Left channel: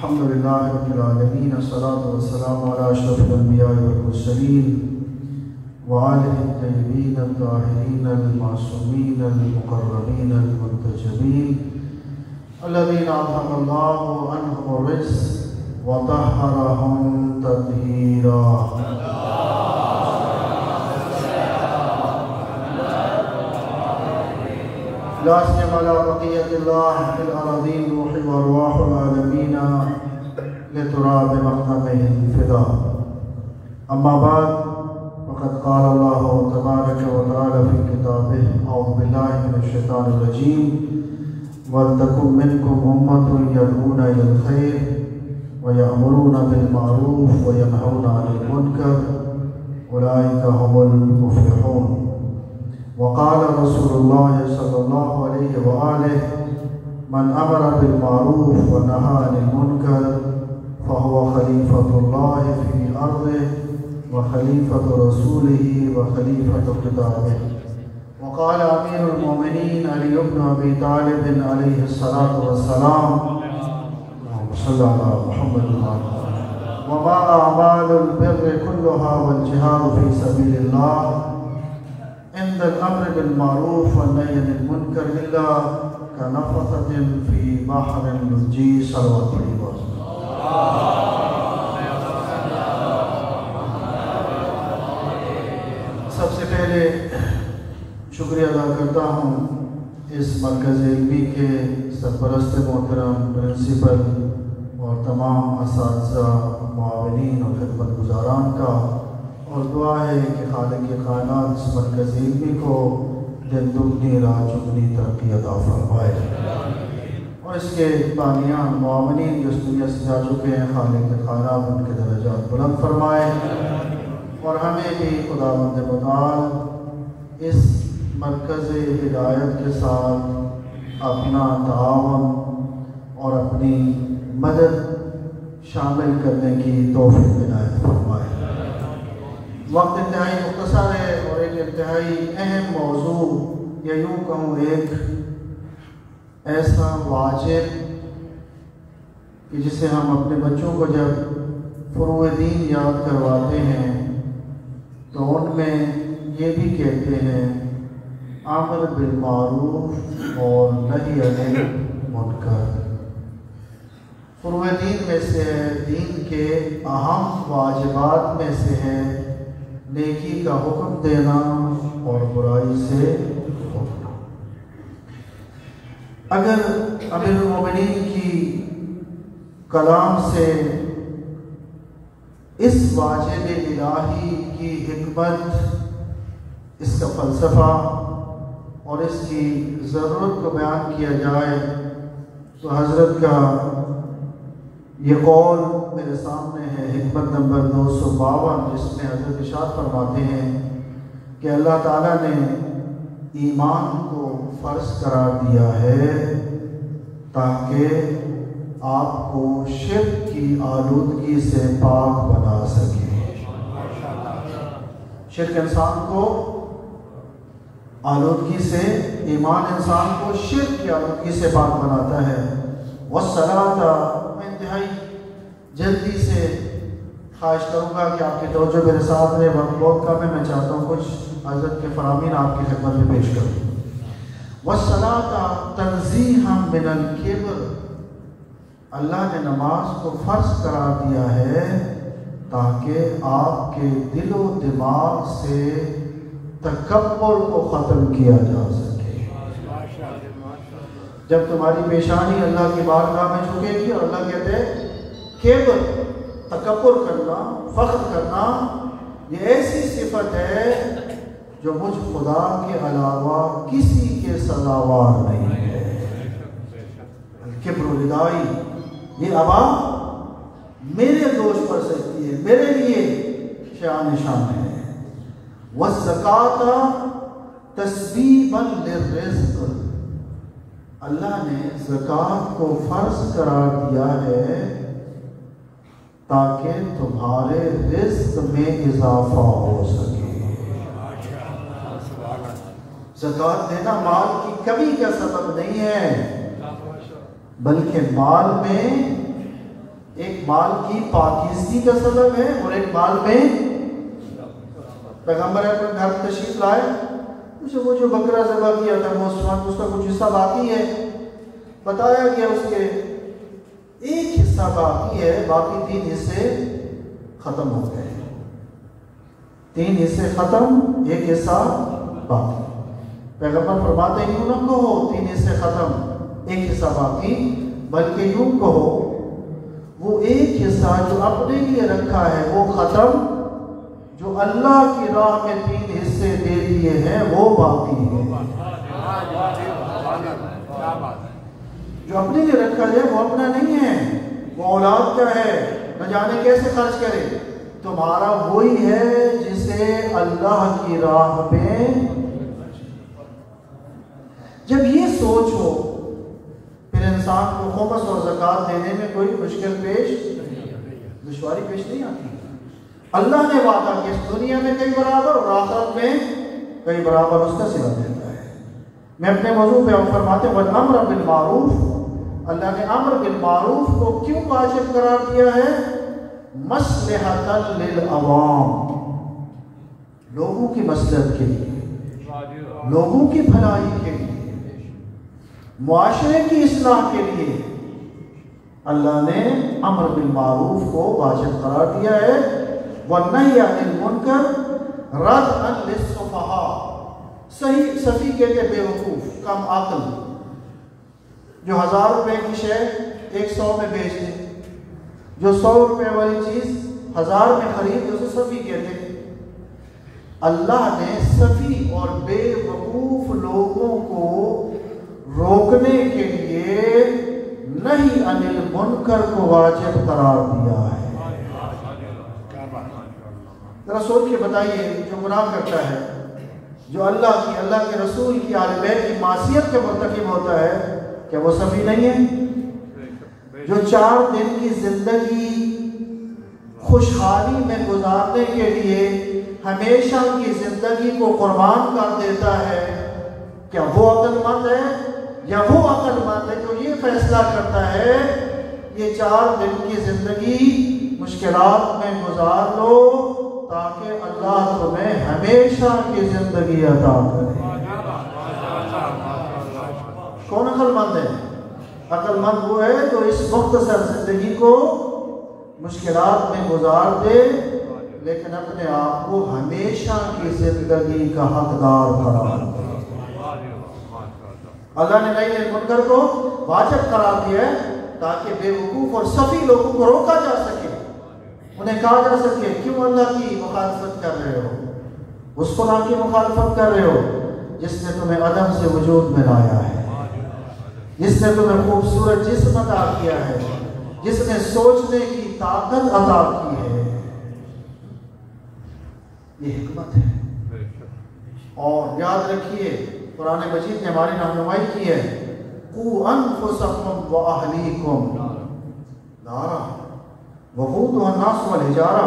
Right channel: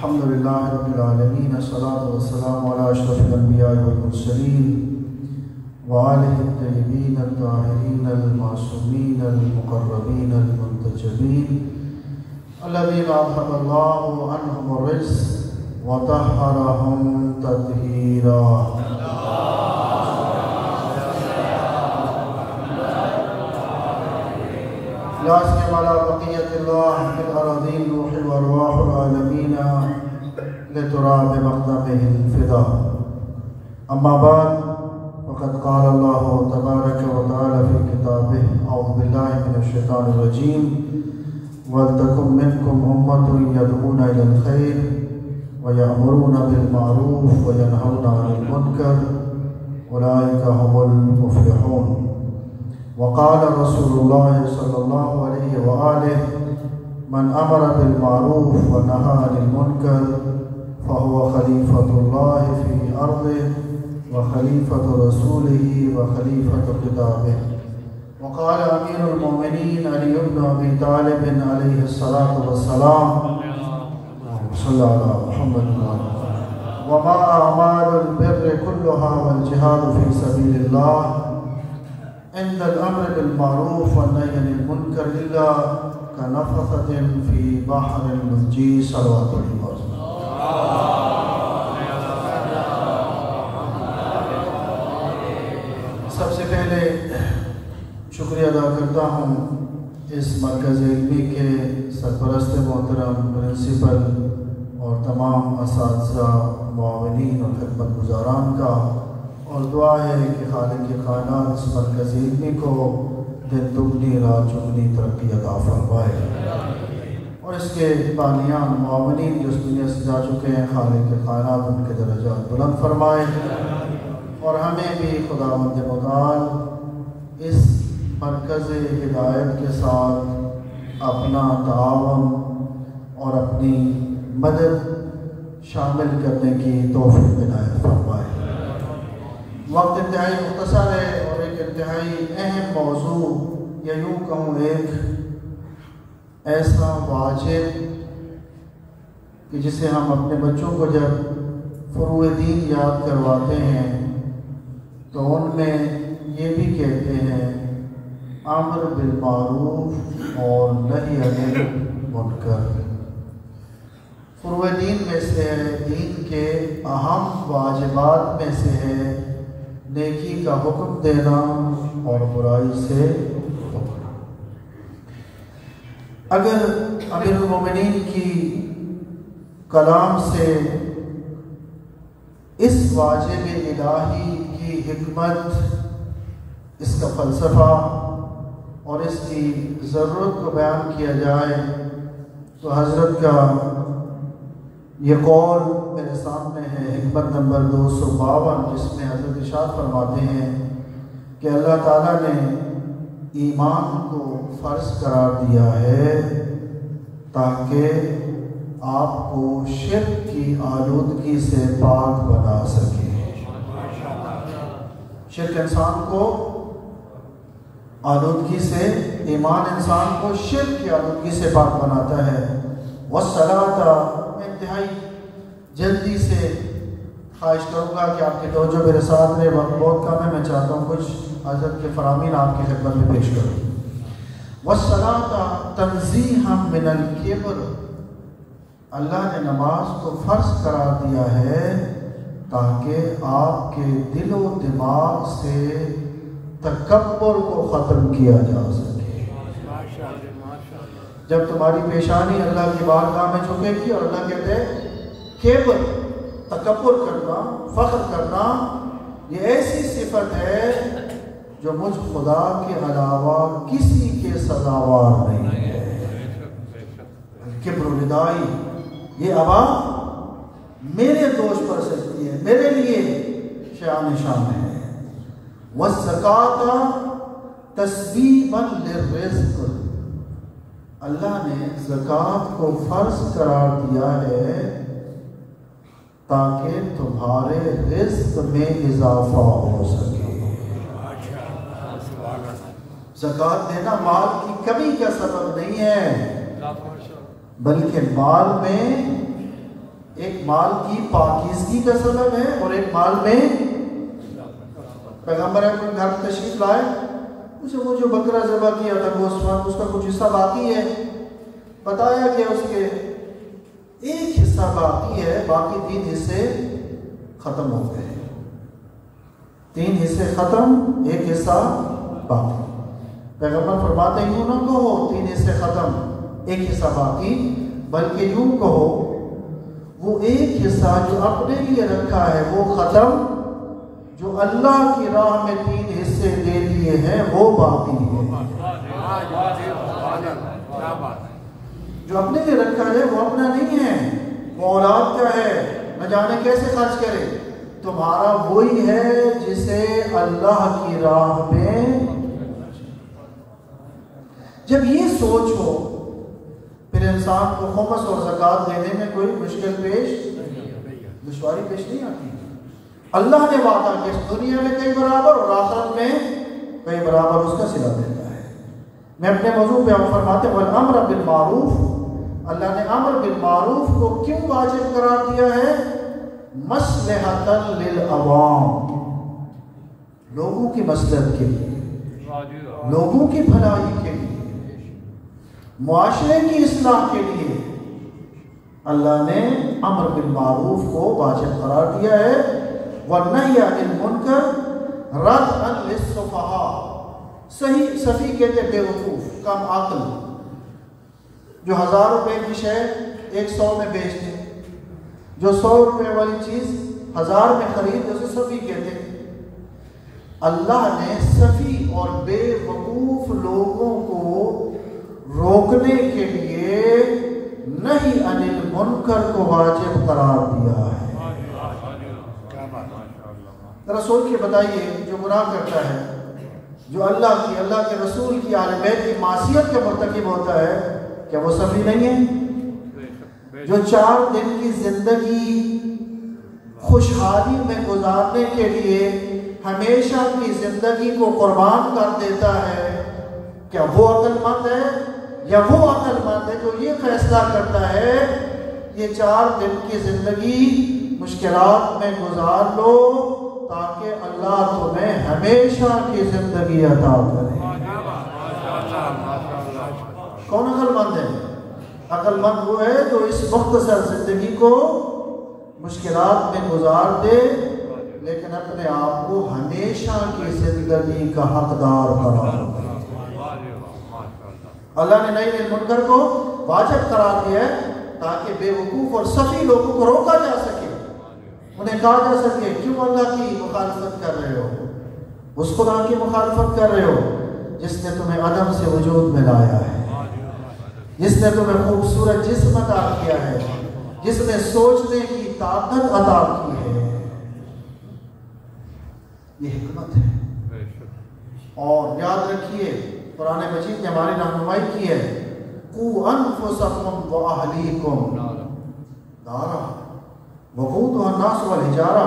الحمد لله رب العالمين، الصلاة والسلام على أشرف الأنبياء والمرسلين وآله الطيبين الطاهرين المعصومين المقربين المنتجبين الذين أذهب الله عنهم الرجس وطهرهم تطهيرا. لا سيما على بقية الله في الأراضين روح والروح العالمين لتراب مقدمه الفداء. أما بعد، وقد قال الله تبارك وتعالى في كتابه: أعوذ بالله من الشيطان الرجيم: ولتكن منكم أمة يدعون إلى الخير ويأمرون بالمعروف وينهون عن المنكر أولئك هم المفلحون. وقال رسول الله صلى الله عليه وآله: من أمر بالمعروف ونهى عن المنكر فهو خليفة الله في أرضه وخليفة رسوله وخليفة كتابه. وقال أمير المؤمنين علي بن أبي طالب عليه الصلاة والسلام: صلى على محمد وما أعمال البر كلها والجهاد في سبيل الله عند الأمر بالمعروف والنهي عن المنكر إلا كنفخة في بحر اللجي. صلوات الله. سب سے پہلے شکریہ ادا کرتا ہوں اس مرکز علمی کے سرپرست محترم پرنسپل اور تمام اساتذہ، معاونین اور خدمت گزاران کا، اور دعا ہے کہ خالق کائنات اس مرکز علمی کو دن دگنی رات چگنی ترقی عطا فرمائے، اور اس کے بانیان معاونین جو اس دنیا سے جا چکے ہیں، خالق کائنات ان کے درجات بلند فرمائے، اور ہمیں بھی خداوند متعال اس مرکز ہدایت کے ساتھ اپنا تعاون اور اپنی مدد شامل کرنے کی توفیق عنایت فرمائے۔ وقت انتہائی مختصر ہے اور ایک انتہائی اہم موضوع، یا یوں کہوں ایک ایسا واجب کہ جسے ہم اپنے بچوں کو جب فروع دین یاد کرواتے ہیں تو ان میں یہ بھی کہتے ہیں: امر بالمعروف اور نہی عن المنکر۔ فروع دین میں سے ہے، دین کے اہم واجبات میں سے ہے نیکی کا حکم دینا اور برائی سے روکنا۔ اگر امیر المومنین کی کلام سے اس واجب الہی کی حکمت، اس کا فلسفہ اور اس کی ضرورت کو بیان کیا جائے تو حضرت کا یہ قول میرے سامنے ہے، حکمت نمبر 252، جس میں حضرت ارشاد فرماتے ہیں کہ اللہ تعالیٰ نے ایمان کو فرض قرار دیا ہے تاکہ آپ کو شرک کی آلودگی سے پاک بنا سکے۔ شرک انسان کو آلودگی سے، ایمان انسان کو شرک کی آلودگی سے پاک بناتا ہے۔ والصلاۃ، میں انتہائی جلدی سے خواہش کروں گا کہ آپ کی توجہ میرے ساتھ میں، بہت کم ہے، میں چاہتا ہوں کچھ حضرت کے فرامین آپ کی خدمت میں پیش کروں۔ والصلاۃ تنزیہا من الکبر، اللہ نے نماز کو فرض قرار دیا ہے تاکہ آپ کے دل و دماغ سے تکبر کو ختم کیا جا سکے۔ جب تمہاری پیشانی اللہ کی بارگاہ میں جھکے گی اور اللہ کہتے ہیں کبر، تکبر کرنا، فخر کرنا، یہ ایسی صفت ہے جو مجھ خدا کے علاوہ کسی کے سزاوار نہیں ہے۔ کبر و ردائی، یہ ابا میرے دوش پر سجتی ہے، میرے لیے شان شان ہے۔ وَالزَّكَاةَ تَسْبِيبًا لِلرِّزْقِ، اللہ نے زکوٰۃ کو فرض قرار دیا ہے تاکہ تمہارے رزق میں اضافہ ہو سکے۔ زکوٰۃ دینا مال کی کمی کا سبب نہیں ہے، بلکہ مال میں ایک مال کی پاکیزگی کا سبب ہے اور ایک مال میں پیغمبر اپنے گھر تشریف لائے، اسے وہ جو بکرا ذبح کیا تھا وہ اس کا کچھ حصہ باقی ہے، بتایا گیا اس کے ایک حصہ باقی ہے، باقی 3 حصے ختم ہو گئے، 3 حصے ختم، ایک حصہ باقی۔ پیغمبر فرماتے ہیں یوں نہ کہو 3 حصے ختم ایک حصہ باقی، بلکہ یوں کہو وہ ایک حصہ جو اپنے لیے رکھا ہے وہ ختم، جو اللہ کی راہ میں 3 حصے دے دیے ہیں وہ باقی ہے۔ جو اپنے لیے رکھا ہے وہ اپنا نہیں ہے، وہ اولاد کا ہے، نہ جانے کیسے خرچ کرے، تمہارا وہی ہے جسے اللہ کی راہ میں۔ جب یہ سوچ ہو پھر انسان کو خمس اور زکوٰۃ دینے میں کوئی مشکل دشواری پیش نہیں آتی۔ اللہ نے وعدہ کیا اس دنیا میں کئی برابر اور آخرت میں کئی برابر اس کا صلہ دیتا ہے۔ میں اپنے موضوع پہ فرماتے ہیں والامر بالمعروف، اللہ نے امر بالمعروف کو کیوں واجب قرار دیا ہے؟ مصلحۃ للعوام، لوگوں کی مصلحت کے لیے، لوگوں کی بھلائی کے لیے، معاشرے کی اصلاح کے لیے اللہ نے امر بالمعروف کو واجب قرار دیا ہے۔ والنہی عن المنکر ردعا للسفہاء، سفیہ کہتے بے وقوف، کم عقل، جو 1000 روپے کی شے 100 میں بیچ دے، جو 100 روپے والی چیز 1000 میں خرید، اسے سفیہ کہتے ہیں۔ اللہ نے سفیہ اور بے وقوف لوگوں کو روکنے کے لیے نہی عن المنکر کو واجب قرار دیا ہے۔ ذرا سوچ کے بتائیے، جو گناہ کرتا ہے، جو اللہ کے رسول کی اہل بیت کی معصیت کا مرتکب ہوتا ہے، کیا وہ سفیہ نہیں ہے؟ جو 4 دن کی زندگی خوشحالی میں گزارنے کے لیے ہمیشہ ان کی زندگی کو قربان کر دیتا ہے، کیا وہ عقل مند ہے؟ یا وہ عقل مند ہے جو یہ فیصلہ کرتا ہے یہ 4 دن کی زندگی مشکلات میں گزار لو تاکہ اللہ تمہیں ہمیشہ کی زندگی عطا کرے؟ کون عقل مند ہے؟ عقل مند وہ ہے جو اس مختصر زندگی کو مشکلات میں گزار دے لیکن اپنے آپ کو ہمیشہ کی زندگی کا حقدار قرار دے۔ اللہ نے نہی عن المنکر کو واجب قرار دیا ہے تاکہ بے وقوف اور سفیہ لوگوں کو روکا جا سکے، انہیں کہا جا سکے کیوں اللہ کی مخالفت کر رہے ہو، اس خدا کی مخالفت کر رہے ہو جس نے تمہیں عدم سے وجود میں لایا ہے، جس نے تمہیں خوبصورت جسم عطا کیا ہے، جس نے سوچنے کی طاقت عطا کی ہے۔ یہ حکمت ہے، اور یاد رکھیے قرآن مجید نے ہماری رہنمائی کی ہے، قوا انفسکم واہلیکم نارا وقودها الناس والحجارہ۔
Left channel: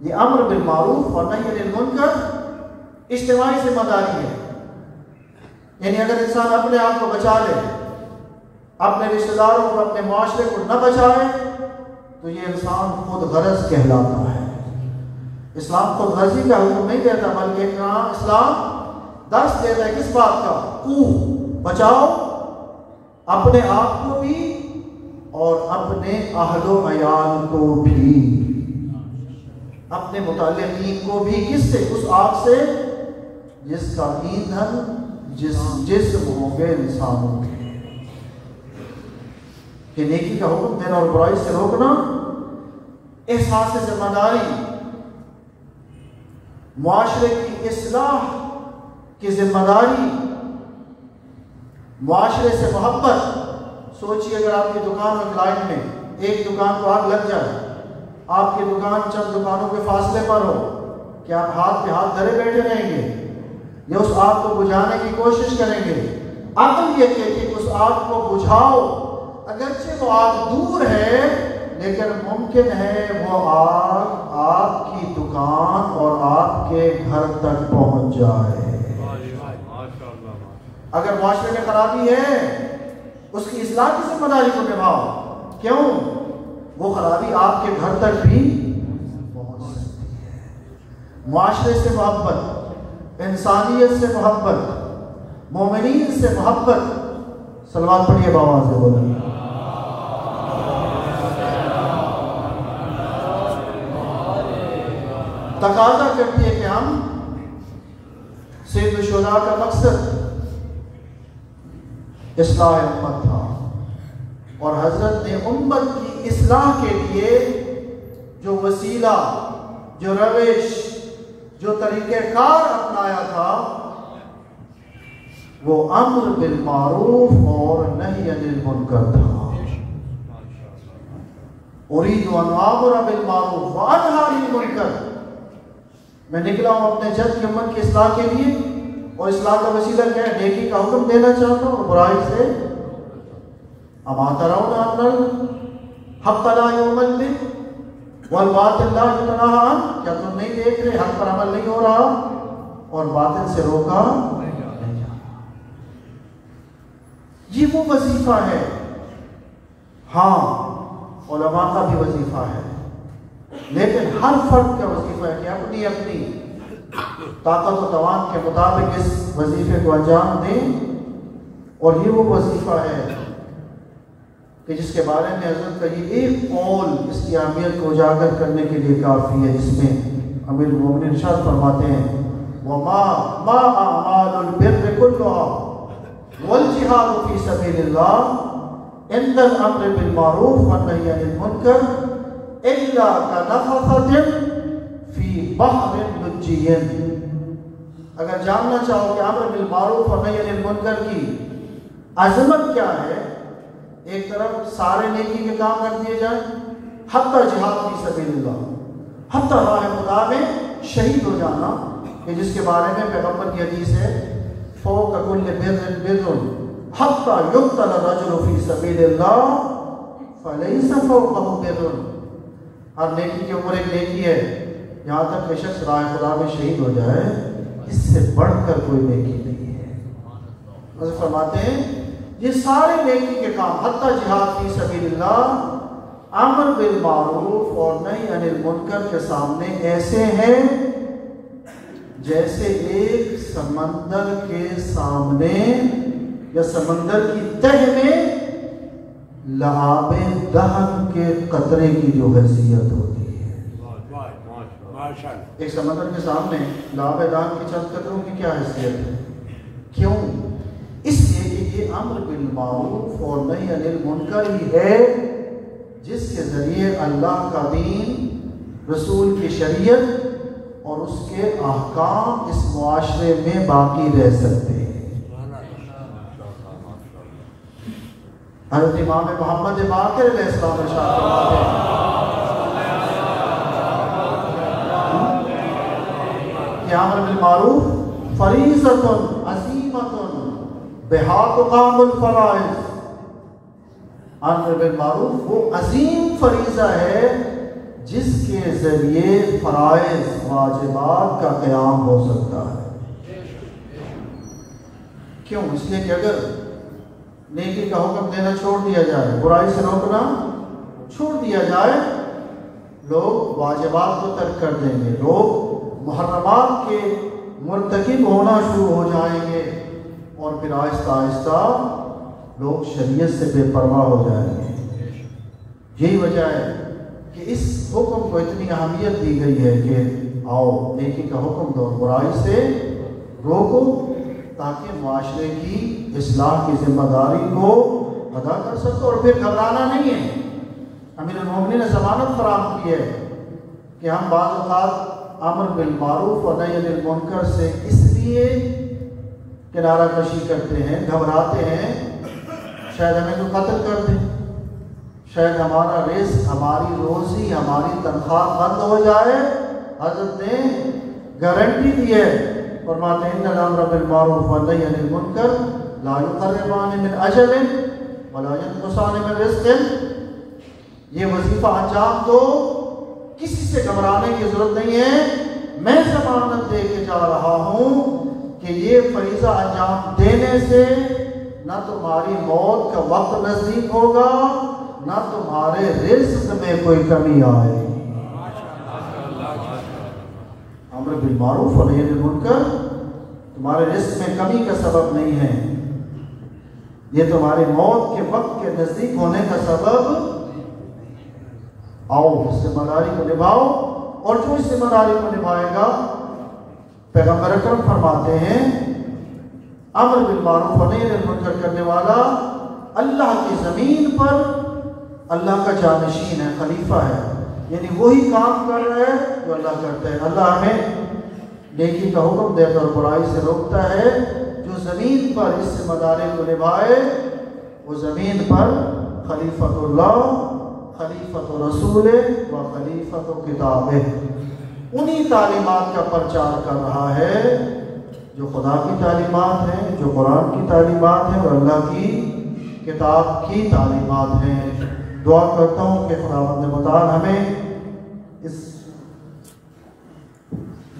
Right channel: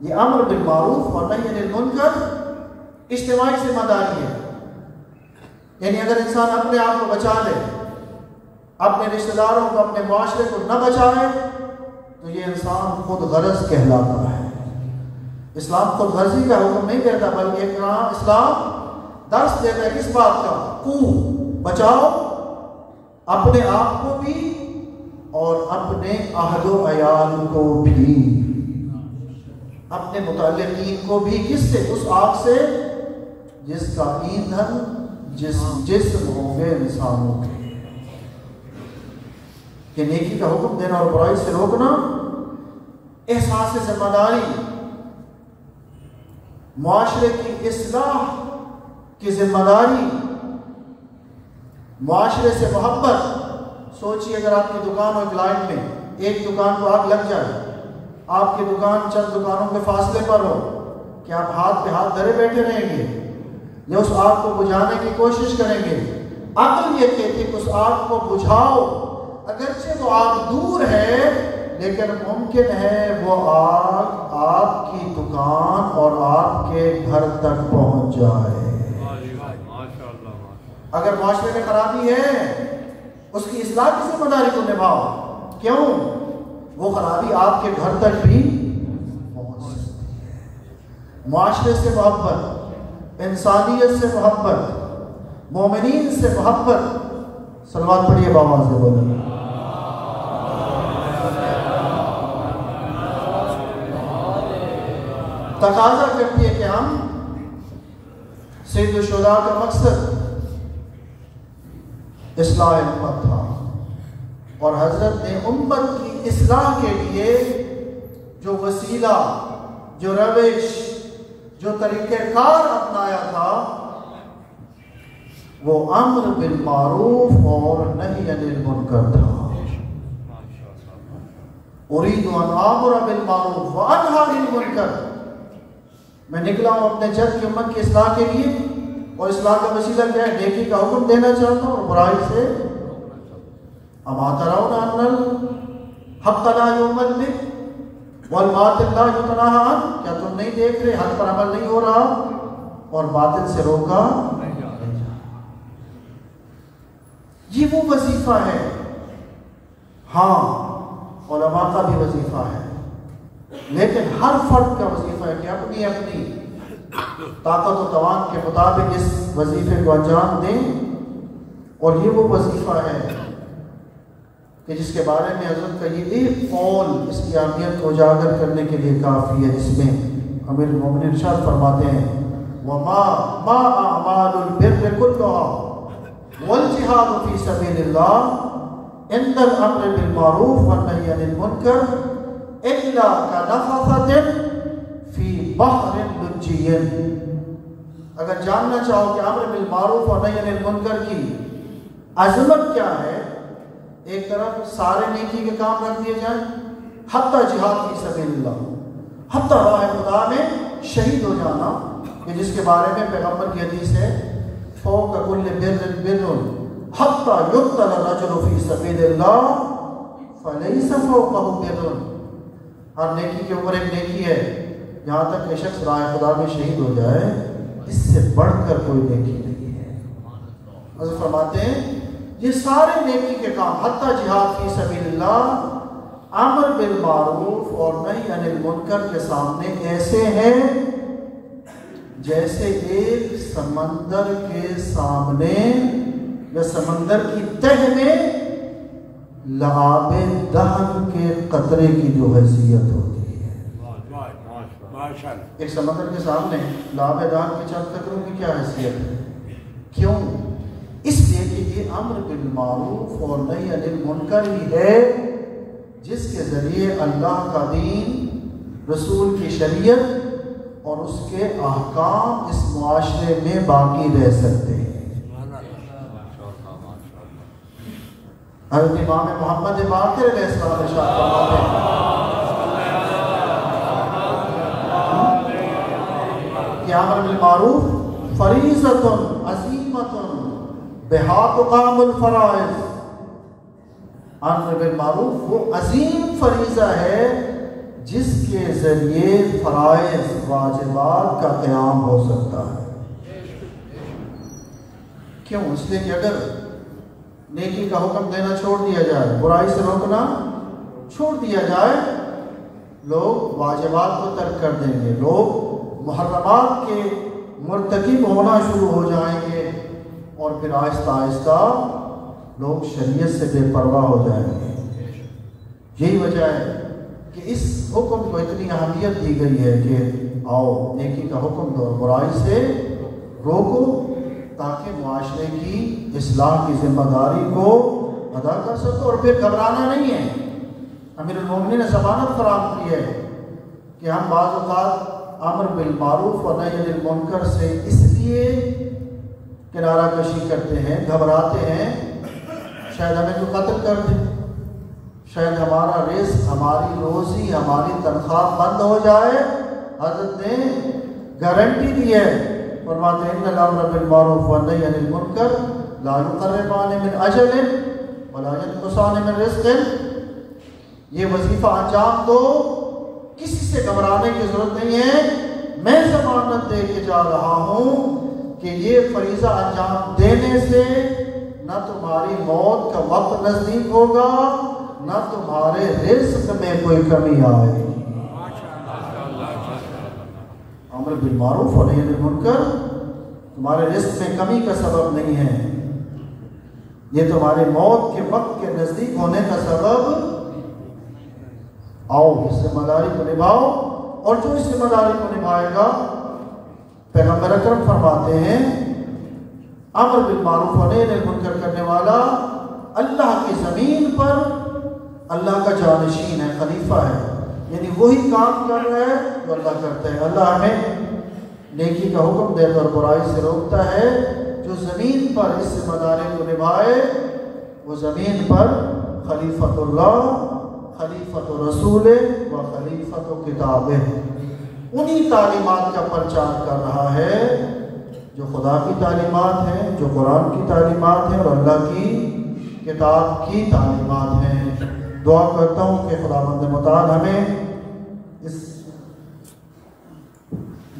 یہ امر بالمعروف اور نہی عن المنکر اجتماعی ذمہ داری ہے، یعنی اگر انسان اپنے آپ کو بچا لے، اپنے رشتہ داروں کو، اپنے معاشرے کو نہ بچائے تو یہ انسان خود غرض کہلاتا ہے۔ اسلام خود غرضی کا حکم نہیں دیتا بلکہ اسلام درس دیتا ہے کس بات کا؟ بچاؤ اپنے آپ کو بھی اور اپنے اہل و عیال کو بھی، اپنے متعلقین کو بھی، کس سے؟ اس آگ سے جس کا ایندھن جسم ہوں گے انسانوں کے۔ کہ نیکی کا حکم دینا اور برائی سے روکنا، احساس ذمہ داری، معاشرے کی اصلاح کی ذمہ داری، معاشرے سے محبت۔ سوچئے اگر آپ کی دکان اور لائن میں ایک دکان کو آگ لگ جائے، آپ کی دکان چند دکانوں کے فاصلے پر ہو، کیا آپ ہاتھ پہ ہاتھ دھرے بیٹھے رہیں گے یا اس آگ کو بجھانے کی کوشش کریں گے؟ عقل یہ کہتی ہے کہ اس آگ کو بجھاؤ، اگرچہ وہ آگ دور ہے لیکن ممکن ہے وہ آگ آپ کی دکان اور آپ کے گھر تک پہنچ جائے۔ اگر معاشرے میں خرابی ہے اس کی اصلاح کی ذمہ داری کو نبھاؤ۔ کیوں؟ وہ خرابی آپ کے گھر تک بھی پہنچ سکتی ہے۔ معاشرے سے محبت، انسانیت سے محبت، مومنین سے محبت، صلوات پڑھیے باواز سے بولیں۔ تقاضا کرتی ہے کہ ہم سید الشہداء کا مقصد اصلاح امت تھا، اور حضرت نے امت کی اصلاح کے لیے جو وسیلہ، جو روش، جو طریقہ کار اپنایا تھا وہ امر بالمعروف اور نہی عن المنکر تھا۔ اريد ان امر بالمعروف وانهى عن المنکر، میں نکلا ہوں اپنے جد کی امت کی اصلاح کے لیے، اور اصلاح کا وسیلہ کیا ہے؟ نیکی کا حکم دینا چاہتا ہوں اور برائی سے اما ترون ان الحق لا يعمل به والباطل لا ينهى عنه، کیا تم نہیں دیکھ رہے حق پر عمل نہیں ہو رہا اور باطل سے روکا نہیں جا رہا؟ یہ وہ وظیفہ ہے۔ ہاں علماء کا بھی وظیفہ ہے، لیکن ہر فرد کا وظیفہ ہے کہ اپنی اپنی طاقت و توان کے مطابق اس وظیفے کو انجام دیں، اور یہ وہ وظیفہ ہے کہ جس کے بارے میں حضرت کا یہ ایک قول اس کی اہمیت کو اجاگر کرنے کے لیے کافی ہے۔ اس میں امیر المومنین ارشاد فرماتے ہیں وما اعمال البر كلها والجهاد في سبيل الله عند الامر بالمعروف والنهي عن المنكر الا كنفثة في بحر لجي۔ اگر جاننا چاہو کہ امر بالمعروف اور نہی عن المنکر کی عظمت کیا ہے، ایک طرف سارے نیکی کے کام کر دیے جائیں، حتی جہاد فی سبیل اللہ، حتی راہ خدا میں شہید ہو جانا، کہ جس کے بارے میں پیغمبر کی حدیث ہے فوق کل بر بر حتی یقتل الرجل فی سبیل اللہ فلیس فوقہ بر، ہر نیکی کے اوپر ایک نیکی ہے، جہاں تک کہ شخص راہ خدا میں شہید ہو جائے اس سے بڑھ کر کوئی نیکی نہیں ہے۔ حضرت فرماتے ہیں یہ سارے نیکی کے کام حتی جہاد فی سبیل اللہ، امر بالمعروف اور نہی عن المنکر کے سامنے ایسے ہیں جیسے ایک سمندر کے سامنے یا سمندر کی تہ میں لعاب دہن کے قطرے کی جو حیثیت ہوتی ہے۔ ایک سمندر کے سامنے لعاب دہن کی چند قطروں کی کیا حیثیت ہے؟ کیوں؟ اس لیے کہ یہ امر بالمعروف اور نہی عن المنکر ہی ہے جس کے ذریعے اللہ کا دین، رسول کی شریعت اور اس کے احکام اس معاشرے میں باقی رہ سکتے ہیں۔ حضرت امام محمد باقر علیہ السلام ارشاد فرماتے ہیں کہ امر بالمعروف فریضۃ عظیمۃ بہا تقام الفرائض، امر بالمعروف وہ عظیم فریضہ ہے جس کے ذریعے فرائض، واجبات کا قیام ہو سکتا ہے۔ کیوں؟ اس لیے کہ اگر نیکی کا حکم دینا چھوڑ دیا جائے، برائی سے روکنا چھوڑ دیا جائے، لوگ واجبات کو ترک کر دیں گے، لوگ محرمات کے مرتکب ہونا شروع ہو جائیں گے، اور پھر آہستہ آہستہ لوگ شریعت سے بے پرواہ ہو جائیں گے۔ یہی وجہ ہے کہ اس حکم کو اتنی اہمیت دی گئی ہے کہ آؤ نیکی کا حکم دو، برائی سے روکو، تاکہ معاشرے کی اصلاح کی ذمہ داری کو ادا کر سکو۔ اور پھر گھبرانا نہیں ہے۔ امیر المومنین نے ضمانت فراہم کی ہے کہ ہم بعض اوقات امر بالمعروف اور نہی عن المنکر سے اس لیے کنارہ کشی کرتے ہیں، گھبراتے ہیں، شاید ہمیں تو قتل کر دیں، شاید ہمارا رزق، ہماری روزی، ہماری تنخواہ بند ہو جائے۔ حضرت نے گارنٹی دی ہے، فرماتے ہیں ان الامر بالمعروف والنہی عن المنکر لا یقربان من اجر ولا ینقصان من رزق۔ یہ وظیفہ انجام دو، کسی سے گھبرانے کی ضرورت نہیں ہے۔ میں ضمانت دے کے جا رہا ہوں کہ یہ فریضہ انجام دینے سے نہ تمہاری موت کا وقت نزدیک ہوگا، نہ تمہارے رزق میں کوئی کمی آئے۔ امر بالمعروف اور نہی عن المنکر تمہارے رزق میں کمی کا سبب نہیں ہے، یہ تمہارے موت کے وقت کے نزدیک ہونے کا سبب۔ آؤ ذمہ داری کو نبھاؤ، اور جو اس ذمہ داری کو نبھائے گا، پیغمبر اکرم فرماتے ہیں امر بالمعروف اور نہی عن المنکر کرنے والا اللہ کی زمین پر اللہ کا جانشین ہے، خلیفہ ہے، یعنی وہی کام کر رہا ہے جو اللہ کرتا ہے۔ اللہ ہمیں نیکی کا حکم دیتا اور برائی سے روکتا ہے۔ جو زمین پر اس ذمہ داری کو نبھائے وہ زمین پر خلیفۃ اللہ، خلیفۃ رسول و خلیفۃ کتاب، انہی تعلیمات کا پرچار کر رہا ہے جو خدا کی تعلیمات ہیں، جو قرآن کی تعلیمات ہیں اور اللہ کی کتاب کی تعلیمات ہیں۔ دعا کرتا ہوں کہ خداوند متعال ہمیں اس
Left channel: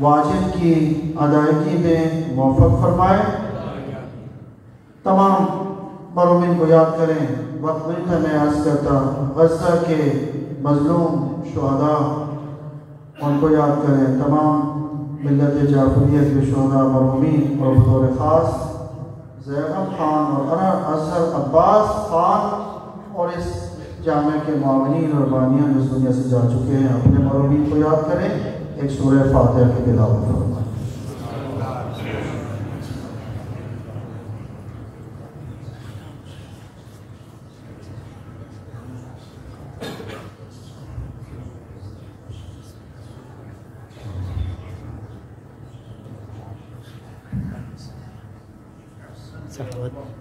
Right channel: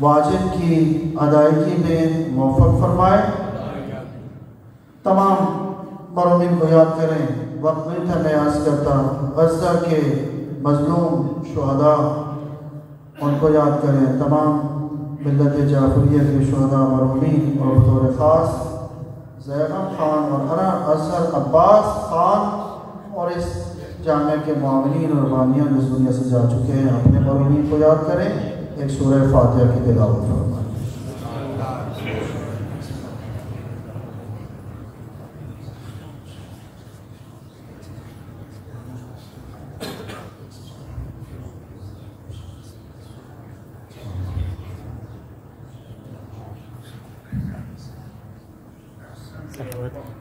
واجب کی ادائیگی میں موفق فرمائے۔ تمام مرحومین کو یاد کریں، وقت ملتا میں عرض کرتا غزہ کے مظلوم شہداء ان کو یاد کریں، تمام ملت جعفریہ کے شہداء مرحومین، اور بطور خاص زیغم خان اور اظہر عباس خان اور اس جامعہ کے معاونین اور بانیان اس دنیا سے جا چکے ہیں، اپنے مرحومین کو یاد کریں۔ ایک سورہ فاتحہ کی تلاوت فرمائیں۔ صحابت